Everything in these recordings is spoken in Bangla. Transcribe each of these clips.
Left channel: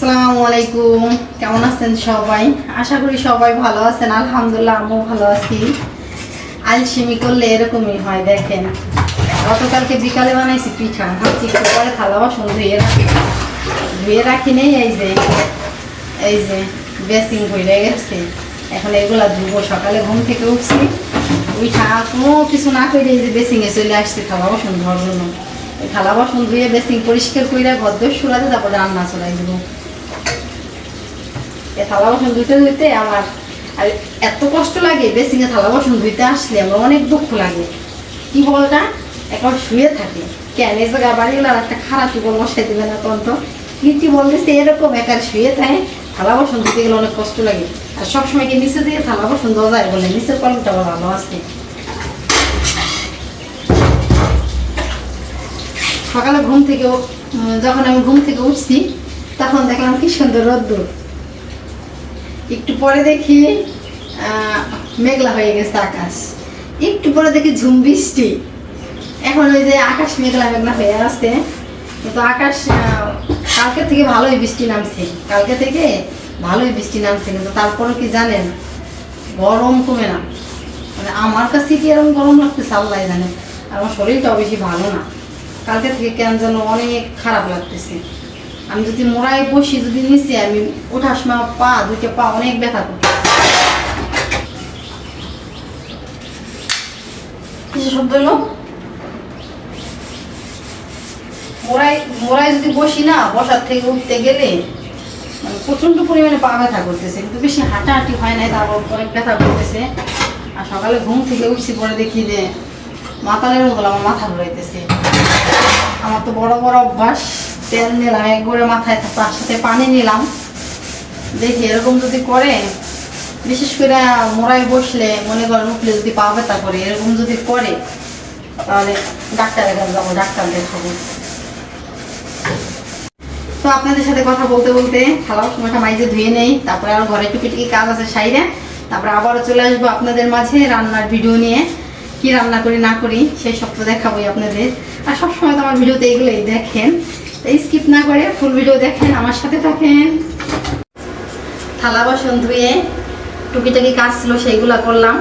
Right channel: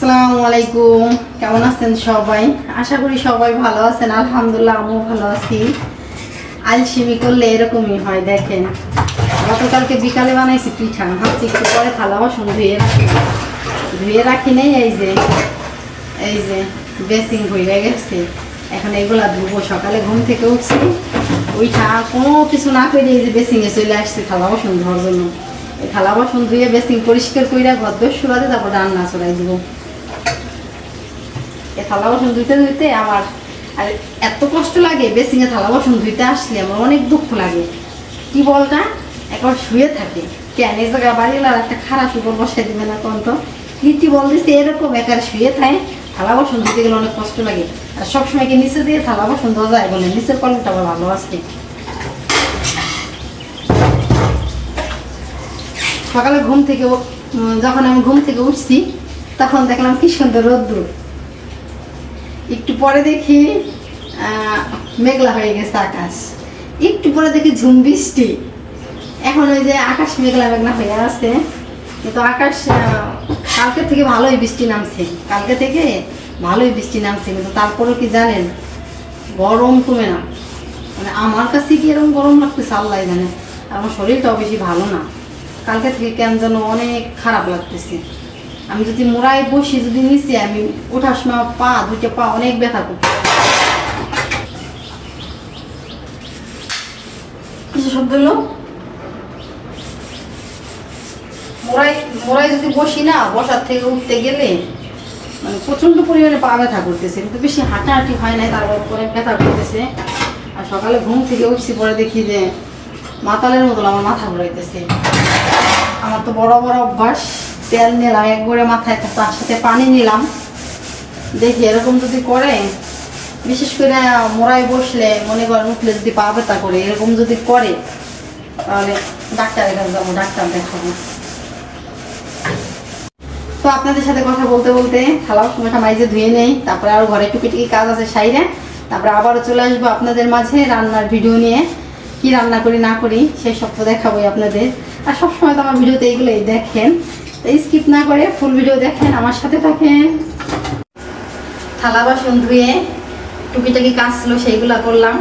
আসসালামু আলাইকুম, কেমন আছেন সবাই? আশা করি সবাই ভালো আছেন। আলহামদুলিল্লাহ আমিও ভালো আছি। আলসেমি করলে এরকমই হয়। দেখেন, গতকালকে বিকালে বানাইছি পিঠা, ভাবছি একটু পরে থালা বাসন ধুয়ে রাখি নেই। এই যে বেসিং হয়ে গেছে, এখন এগুলা ধুবো। সকালে ঘুম থেকে উঠছি, উঠা কোনো কিছু না করে এই যে বেসিংয়ে চলে আসছে থালা বাসন ধোয়ার জন্য। এই থালা বাসন ধুয়ে বেসিং পরিষ্কার করে ঘর সুরাতে তারপর রান্না চড়াই দিব। এই থালা বাসন ধুইতে ধুইতে আমার আর এত কষ্ট লাগে। বেসিংয়ে থালা বাসন ধুইতে আসলে আমার অনেক দুঃখ লাগে। কি বলটা একবার শুয়ে থাকে, কেন এই জায়গা বাড়িলার একটা খারাপ উপর বসাই দিবে না কোন? তো কি বলতেছে এরকম একার শুয়ে থাকে, থালা বাসন ধুতে গেলে অনেক কষ্ট লাগে। আর সবসময় কি নিচে দিয়ে থালা বাসন ধোয়া যায়? বলে নিচের কোয়ালিটিটা ভালো আছে। সকালে যখন আমি ঘুম থেকে উঠছি তখন দেখলাম কি সুন্দর রোদ্দুর। একটু পরে দেখি মেঘলা হয়ে গেছে আকাশ, একটু পরে দেখি ঝুম বৃষ্টি। এখন ওই যে আকাশ মেঘলা মেঘলা হয়ে আছে, কিন্তু আকাশ কালকে থেকে ভালোই বৃষ্টি নামছে। কিন্তু তারপরেও কি জানেন, গরম কমে না। মানে আমার কাছে কি এরকম গরম লাগতেছে আল্লাহ জানে। আর আমার শরীরটাও বেশি ভালো না, কালকে থেকে কেন যেন অনেক খারাপ লাগতেছে। আমি যদি মোড়ায় বসি, যদি নিচে আমি ওঠার সময় দুইটা পা অনেক ব্যথা করতে। কিছু শব্দ হলো, মোড়ায় যদি বসি না, বসার থেকে উঠতে গেলে মানে প্রচন্ড পরিমাণে পা ব্যথা করতেছে, কিন্তু বেশি হাঁটাহাঁটি হয় নাই, তারপর অনেক ব্যথা করতেছে। আর সকালে ঘুম থেকে উঠছি, পরে দেখি যে মাতালের মতো আমার মাথা ঘুরাইতেছে। আমার তো বড় বড় অভ্যাস, তেল নিলাম একবারে মাথায়, তার সাথে পানি নিলাম। দেখি এরকম যদি করে, বিশেষ করে মোড়ায় বসলে মনে করেন উঠলে যদি পা ব্যথা করে, এরকম যদি করে তাহলে ডাক্তার দেখাবো। তো আপনাদের সাথে কথা বলতে বলতে থালা সময়টা মাইজে ধুয়ে নেই, তারপরে আর ঘরে টুকিটুকি কাজ আছে সাইডে। তারপরে আবারও চলে আসবো আপনাদের মাঝে রান্নার ভিডিও নিয়ে। কি রান্না করি না করি সেই সব তো দেখাবোই আপনাদের। আর সবসময় তো আমার ভিডিওতে এইগুলোই দেখেন, তাই স্কিপ না করে ফুল ভিডিও দেখেন, আমার সাথে থাকেন। থালা বাসন ধুয়ে টুকিটাকি কাজ ছিল সেইগুলা করলাম।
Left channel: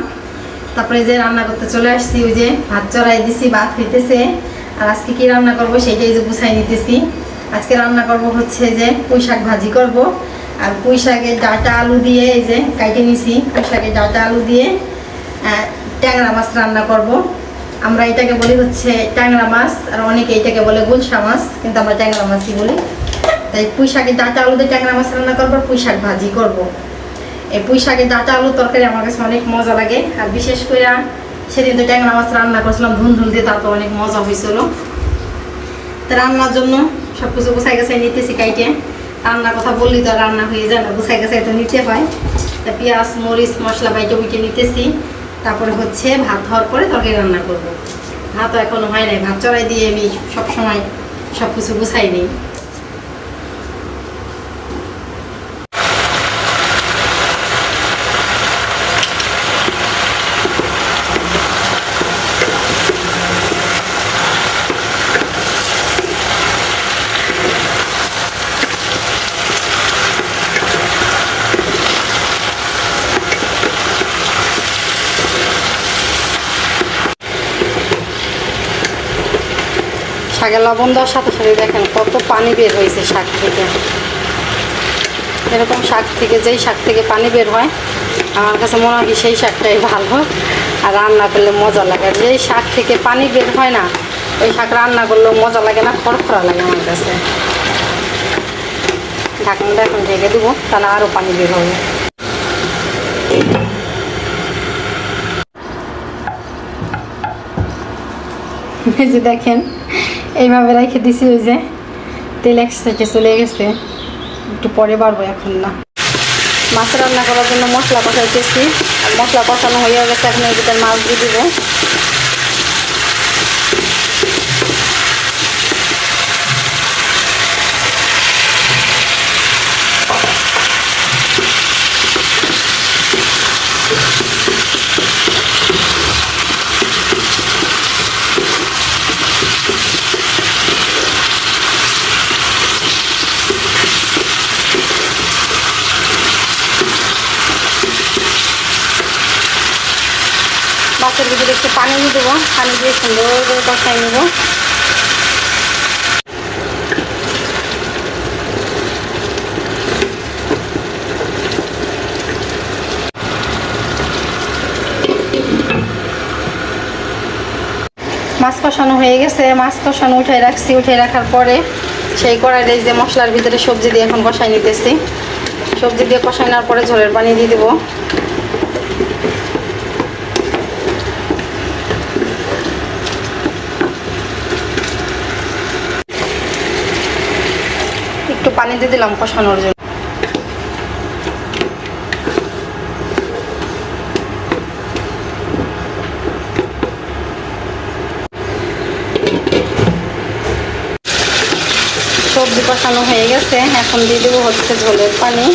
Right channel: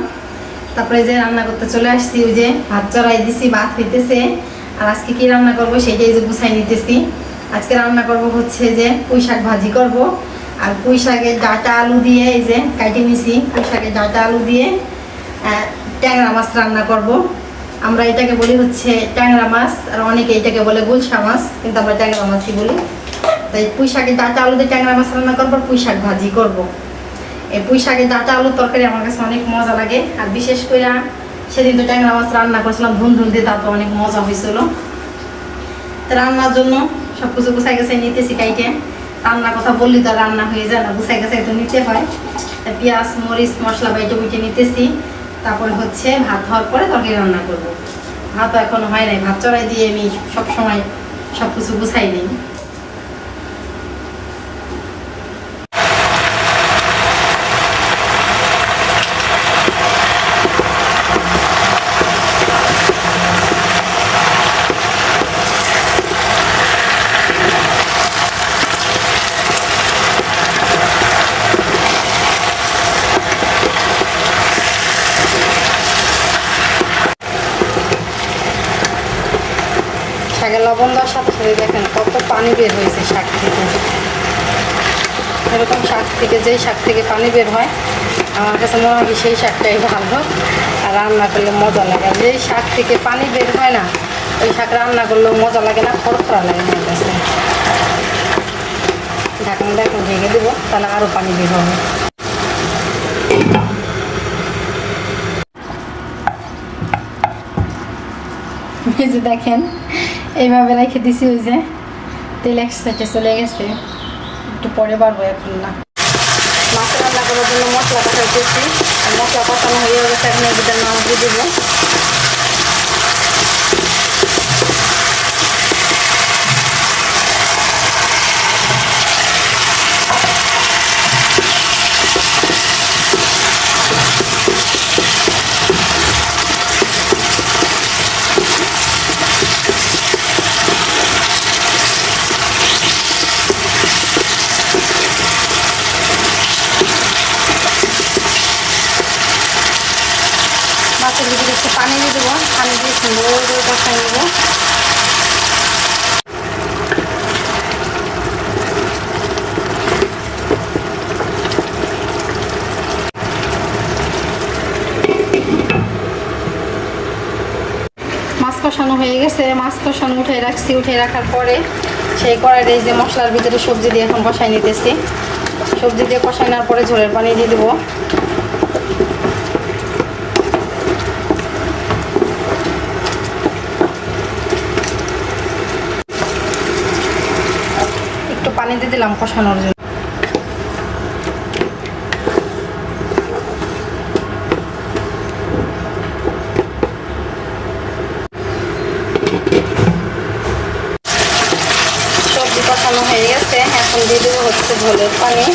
তারপরে যে রান্না করতে চলে আসছি, ওই যে ভাত চড়াই দিছি, ভাত হইতেছে। আর আজকে কি রান্না করব সেটাই যে গুছাই নিতেছি। আজকে রান্না করব হচ্ছে যে পুঁই শাক ভাজি করব। আর পুঁই শাকের ডাঁটা আলু দিয়ে, এই যে কাইটে নিছি, পুঁই শাকের ডাঁটা আলু দিয়ে ট্যাংরা মাছ রান্না করব। আমরা এটাকে বলি হচ্ছে ট্যাংরা মাছ, আর অনেকে এটাকে বলে গুলশা মাছ, কিন্তু আমরা ট্যাংরা মাছই বলি। তাই পুঁই শাকের ডাঁটা আলু দিয়ে ট্যাংরা মাছ রান্না করবো, পুঁই শাক ভাজি করব। এই পুঁই শাকের ডাঁটা আলুর তরকারি আমার কাছে অনেক মজা লাগে। আর বিশেষ করে সেদিন তো ট্যাংরা মাছ রান্না করছিলাম ধুন দিয়ে, তারপর অনেক মজা হয়েছিল। তো রান্নার জন্য সব কিছু গুছাই গেছাই নিতেছি কাইটে। রান্নার কথা বললি তো রান্না হয়ে যায় না, গুছাই গেছাই তো নিতে হয়। পেঁয়াজ মরিচ মশলা বাইটে উইটে নিতেছি। তারপরে হচ্ছে ভাত হওয়ার পরে তরকারি রান্না করব। ভাতও এখনো হয় নাই, ভাত চড়াই দিয়ে আমি সবসময় সব কিছু গুছাই নিই। শাকে লবণ দেওয়ার সাথে সাথে দেখেন কত পানি বের হয়েছে শাক থেকে। এরকম শাক থেকে, যেই শাক থেকে পানি বের হয় আমার কাছে মনে হয় সেই শাকটাই ভালো, আর রান্না করলে মজা লাগে। আর যেই শাক থেকে পানি বের হয় না, ওই শাক রান্না করলেও মজা লাগে না, খড়খড়া লাগে আমার কাছে। ঢাকনাটা এখন ঢেকে দেবো, তাহলে আরও পানি বের হবে। এই যে দেখেন এইভাবে রেখে দিছি, ওই যে তেল এক সাইডে চলে গেছে, একটু পরে বাড়বো, এখন না। মাছ রান্না করার জন্য মশলা কষাইতেছি, আর মশলা কষানো হয়ে গেছে, এখন এই ভিতরে মাছ দিয়ে দেবো। একটু পানি দিয়ে দেবো, পানি দিয়ে সুন্দর করে কষাই নেবো। মাছ কষানো হয়ে গেছে, মাছ কষানো উঠে রাখছি। উঠে রাখার পরে সেই কড়াইয়ে যে মশলার ভিতরে সবজি দিয়ে এখন কষাই নিতেছি। সবজি দিয়ে কষাই নেওয়ার পরে ঝোলের পানি দিয়ে দেবো। একটু পানি দিয়ে দিলাম কষানোর জন্য। সবজি কষানো হয়ে গেছে, এখন দিয়ে দেবো হচ্ছে ঝোলের পানি।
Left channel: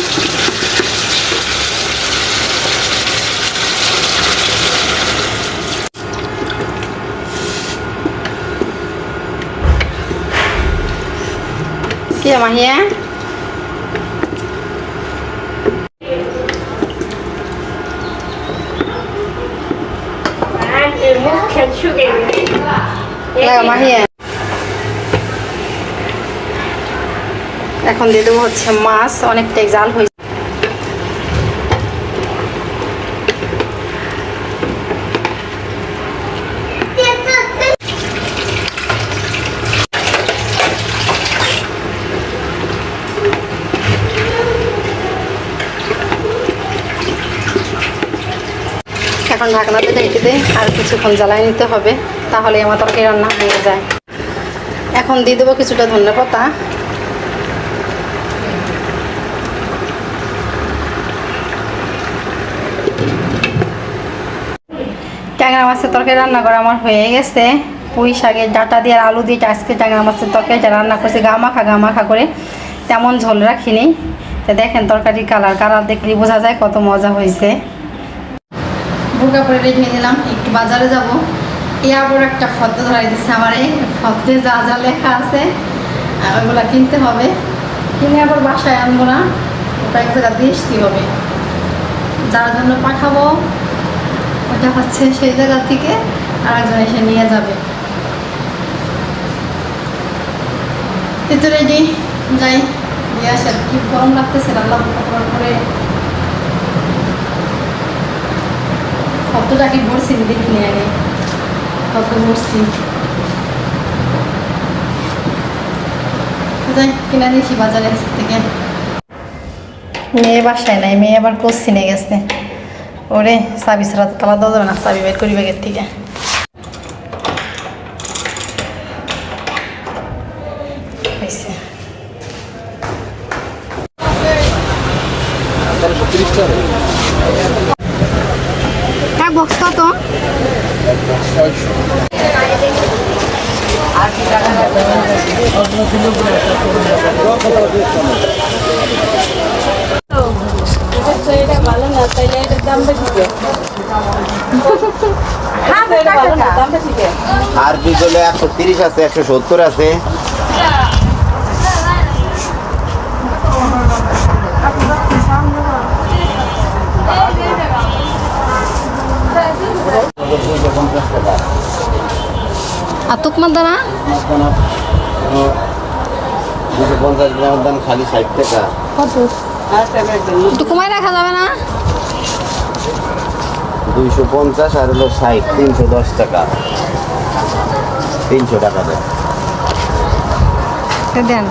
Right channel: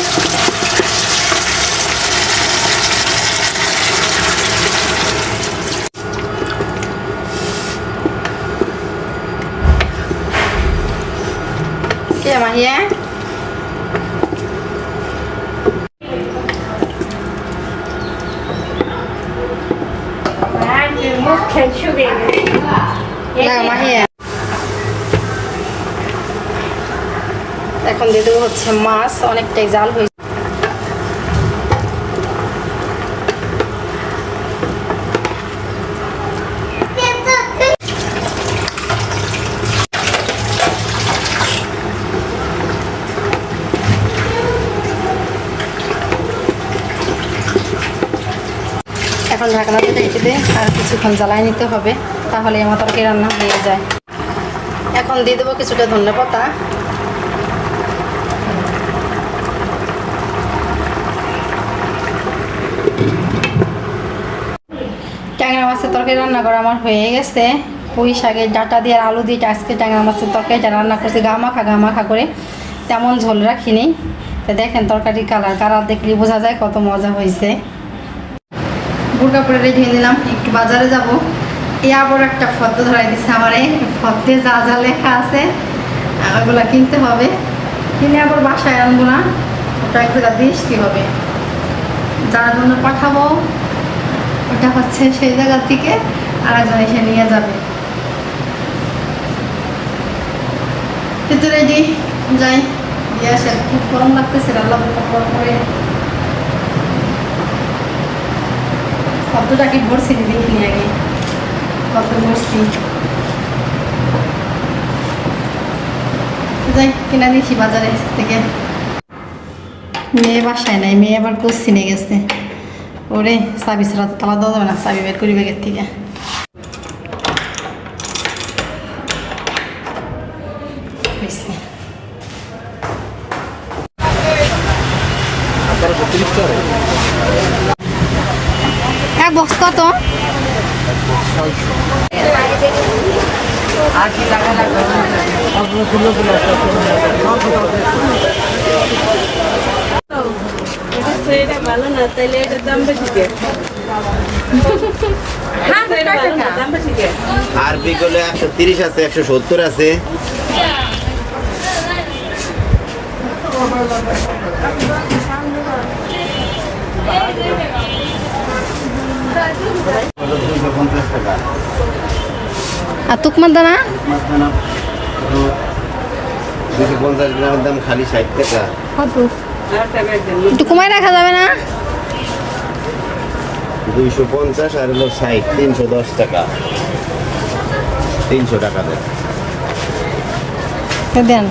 কি মাহিয়া মাহিয়া এখন দিয়ে দেবো হচ্ছে মাছ, অনেকটাই জাল হয়েছে। এখন ঢাকনাতে রেখে দিয়ে আর কিছুক্ষণ জ্বালাই নিতে হবে, তাহলে আমার তরকারি রান্না হয়ে যায়। এখন দিয়ে দেবো কিছুটা ধনেপাতা। ট্যাংরা মাছের তরকারি রান্না করা আমার হয়ে গেছে। পুঁই শাকের ডাঁটা দিয়ে আর আলু দিয়ে আজকে ট্যাংরা মাছের তরকারিটা রান্না করছি গামাখা করে, তেমন ঝোল রাখিনি। তো দেখেন তরকারির কালার দেখলে বোঝা যায় কত মজা হয়েছে। বোরকা পরে রেডি হয়ে নিলাম, একটু বাজারে যাব। এরপর একটা ফর্দ ধরাই দিচ্ছে আমারে, ফর্দে যা যা লেখা আছে ওগুলো কিনতে হবে। কিনে আবার বাসায় আনবো না, ওটা এক জায়গা দিয়ে আসতে হবে। যার জন্য পাঠাবো ওটা হচ্ছে সেই জায়গা থেকে আর একজন এসে নিয়ে যাবে। ভিতরে রেডি যাই, দিয়ে আসে। কি গরম লাগতেছে, রান্না করার পরে কতটা কি ভরছি দেখিনি আগে, কত ভরছি। যাই কিনে দিয়েছি বাজারে থেকে। মেয়ে বাসায় নাই, মেয়ে আবার কোচিনে গেছে। ওরে চাবি ছাড়া তো তালা দেওয়া যাবে না, চাবি বের করি ব্যাগের থেকে। হ্যাঁ বস্তা তো ভালো না, তাইলে এটার দাম বেশি। আর বিগলে 130 আছে, 170 আছে। আর তুকমার দানা 250 গ্রামের দাম খালি 60 টাকা। একটু কমাই রাখা যাবে না? 250 আর হলো 60, 310 টাকা। 300 টাকা দেন। দেন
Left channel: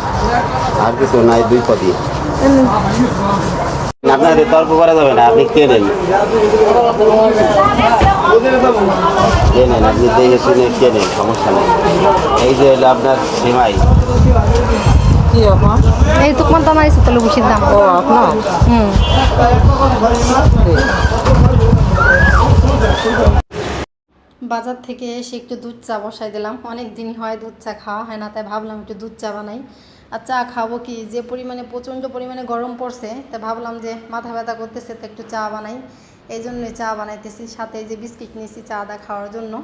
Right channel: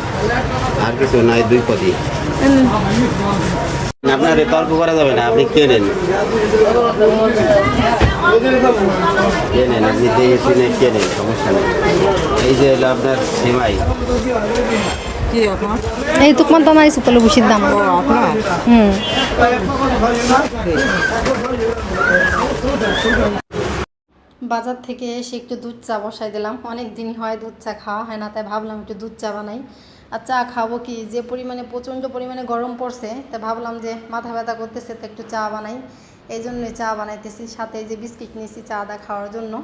আর কিছু নাই, 2 কদি। আপনার তর্ক করা যাবে না, আপনি কে নেন? আপনি দেখে শুনে কে নেন, সমস্যা নেই। এই যে হলো আপনার সেমাই। এই তুকমান তো আমার সুতলে বসির দাম। বাজার থেকে এসে একটু দুধ চা বসাই দিলাম। অনেক দিন হয় দুধ চা খাওয়া হয় না, তাই ভাবলাম একটু দুধ চা বানাই। আর চা খাবো কি, যে পরিমাণে প্রচণ্ড পরিমাণে গরম পড়ছে, তাই ভাবলাম যে মাথা ব্যথা করতেছে তো একটু চা বানাই। এই জন্যই চা বানাইতেছি, সাথে যে বিস্কিট নিয়েছি চা দা খাওয়ার জন্য।